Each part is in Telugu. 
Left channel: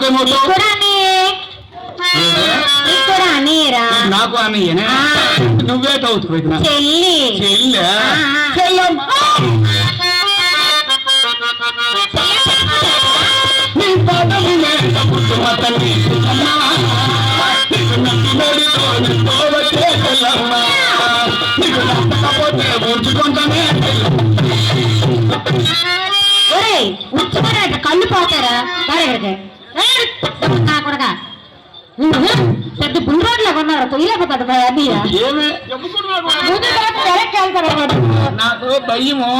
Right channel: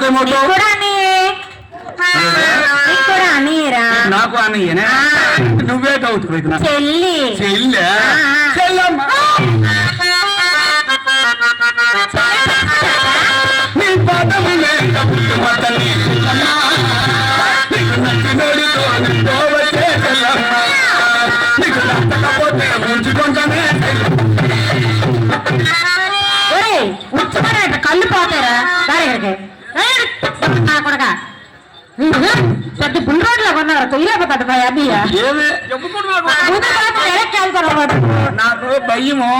నాకేమవుతావు కూడా అన్నయ్యే నీకు కూడా అన్నయ్యరా నాకు అన్నయ్యనే నువ్వే అవుతావు ఇది నాకు చెల్లి చెల్లె ఆ. చెల్లమ్మ నీ పాదము మీద పుట్టుమ తల్లి చెల్లమ్మ. నీకు నచ్చినోడితో నీతో వచ్చే చెల్లమ్మ. నీకు నచ్చకపోతే ఉంచుకుంటానే చెల్లమ్మ. ఒరేయ్ ఉచ్చుకున్నాడు కళ్ళు పోతారా దాని ఇక్కడికి ఏయ్, నా కొడక. పెద్ద బుల్ రోడ్లో కొన్నారు? తొయ్యలేకపోతాడు అన్నయ్య. వెళ్తారు వాడు నాకు భయము.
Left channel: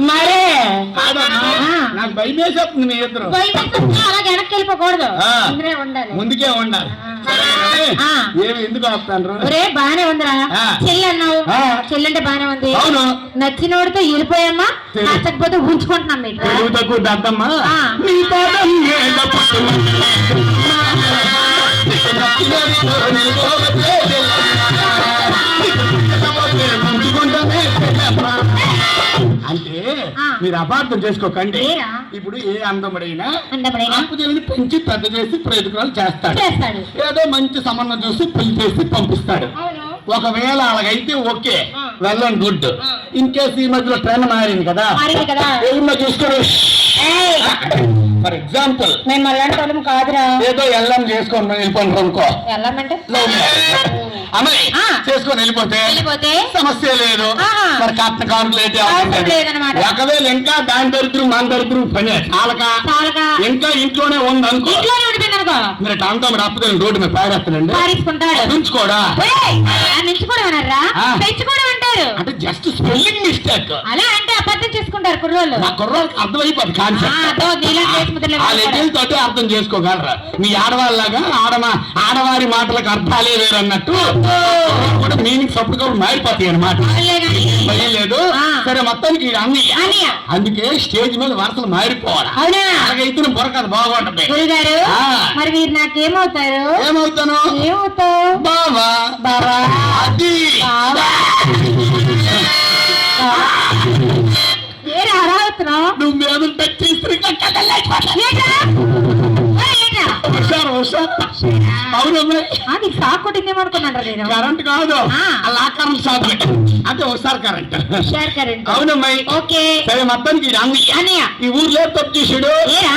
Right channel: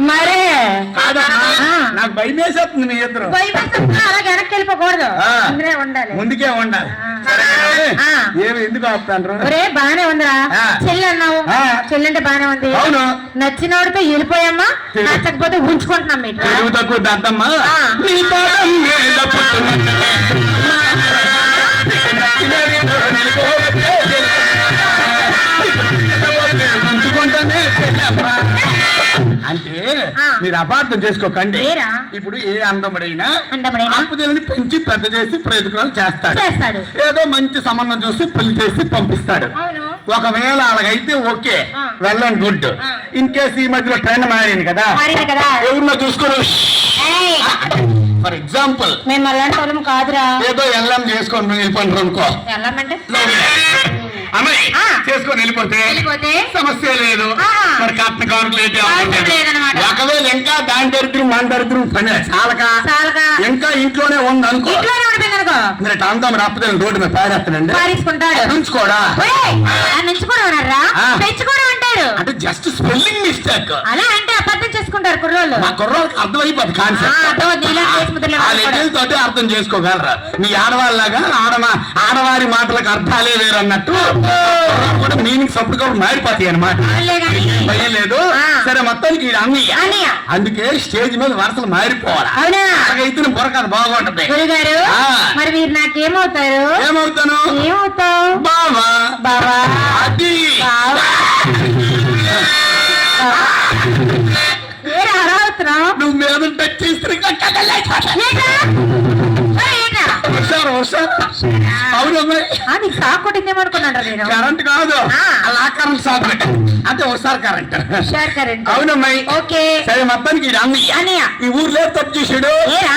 మరే. నాకు భయం వేసేస్తుంది మీ ఇద్దరు. అలాగే వెనక్కి ఉండాలి ముందుకే ఉండాలి. ఏమి ఎందుకు ఆపుతాండ్రు? ఒరే బానే ఉందిరా. చెల్లి అన్నావు. చెల్లి అంటే బానే ఉంది. అవును. నచ్చినోడితో వెళ్ళిపోయామ్మా. నచ్చకపోతే ఉంచుకుంటున్నాం తెలుగు తక్కువ దద్దమ్మా ఆ. అంటే. మీరు అపార్థం చేసుకోకండి? ఇప్పుడు ఏ అందముడైనా అందముడైనా? ఆపుదేవిని పెంచి పెద్ద చేసి ప్రయోజనాలు చేస్తాడు ఏదో మంచి సంబంధం చూసి పెళ్ళి చేసి పంపిస్తాడు ఒకవేళ అలాగైతే ఓకే. ఆ. వెళ్ళండి గుడ్. ఇన్ కేసు ఈ మధ్యలో ట్రైన్ మారింది కదా. ఎవరినో చూసుకొని ఏయ్, ఫర్ ఎగ్జాంపుల్ మేము అలాంటి వాళ్ళం కాదురా. ఏదో ఎల్లం చేసుకొని వెళ్ళిపోండి అనుకో. అమ్మాయి. చేసుకొని వెళ్ళిపోతే వెళ్ళిపోతే? సమస్య లేదు. మరి కట్న. లేదన్నమాట. ఒకవేళ ఇంకా దాని దరిద్రం మన దరిద్రం పని చాలక. ఇంకా ఇంట్లోనే ఉంది అనుకో. రోడ్డు మీద పారేస్తానండి పారేసుకుంటాడు. నుంచుకోవడం. పెంచుకోవడం అంటారు అంటే జస్ట్ స్పెల్లింగ్ మిస్టేక్ అలా అంటే అబద్ధం చేసుకుంటారు కుర్రోళ్ళు. మా కుర్రోళ్ళకి అర్థమైపోద్ది కాన్సెప్ట్ ఆ, అర్థం, తోటి చేసుకోగలరా? మీ ఆడవాళ్ళగా ఆడమా ఆడవారి మాటలకు అర్థాలే వేరు అన్నట్టు. కూడా మీనింగ్స్ అప్పటికప్పుడు మారిపోతాయి అనమాట. భయం లేదు. సరే మొత్తానికి అన్నయ్య. అందుకే స్టేజ్ మీద వరుసలు మారిపోవాలి? అలాగైతే బుర్రకథ బాగుంటది గురుగారు. మరి మీరు నాకేమవుతారు? ఏమవుతాను? ఏమవుతావు? బావా. బావా. అది. నువ్వు మీద టచ్ చేస్తే నేను. కరెంట్ కాదు. అలా కరెంట్ షాక్ అంటే ఒకసారి కరెంట్. అవునమ్మాయి ఓకే. సరే మొత్తానికి అన్నయ్య ఈ ఊర్లో తప్పు చేసాడు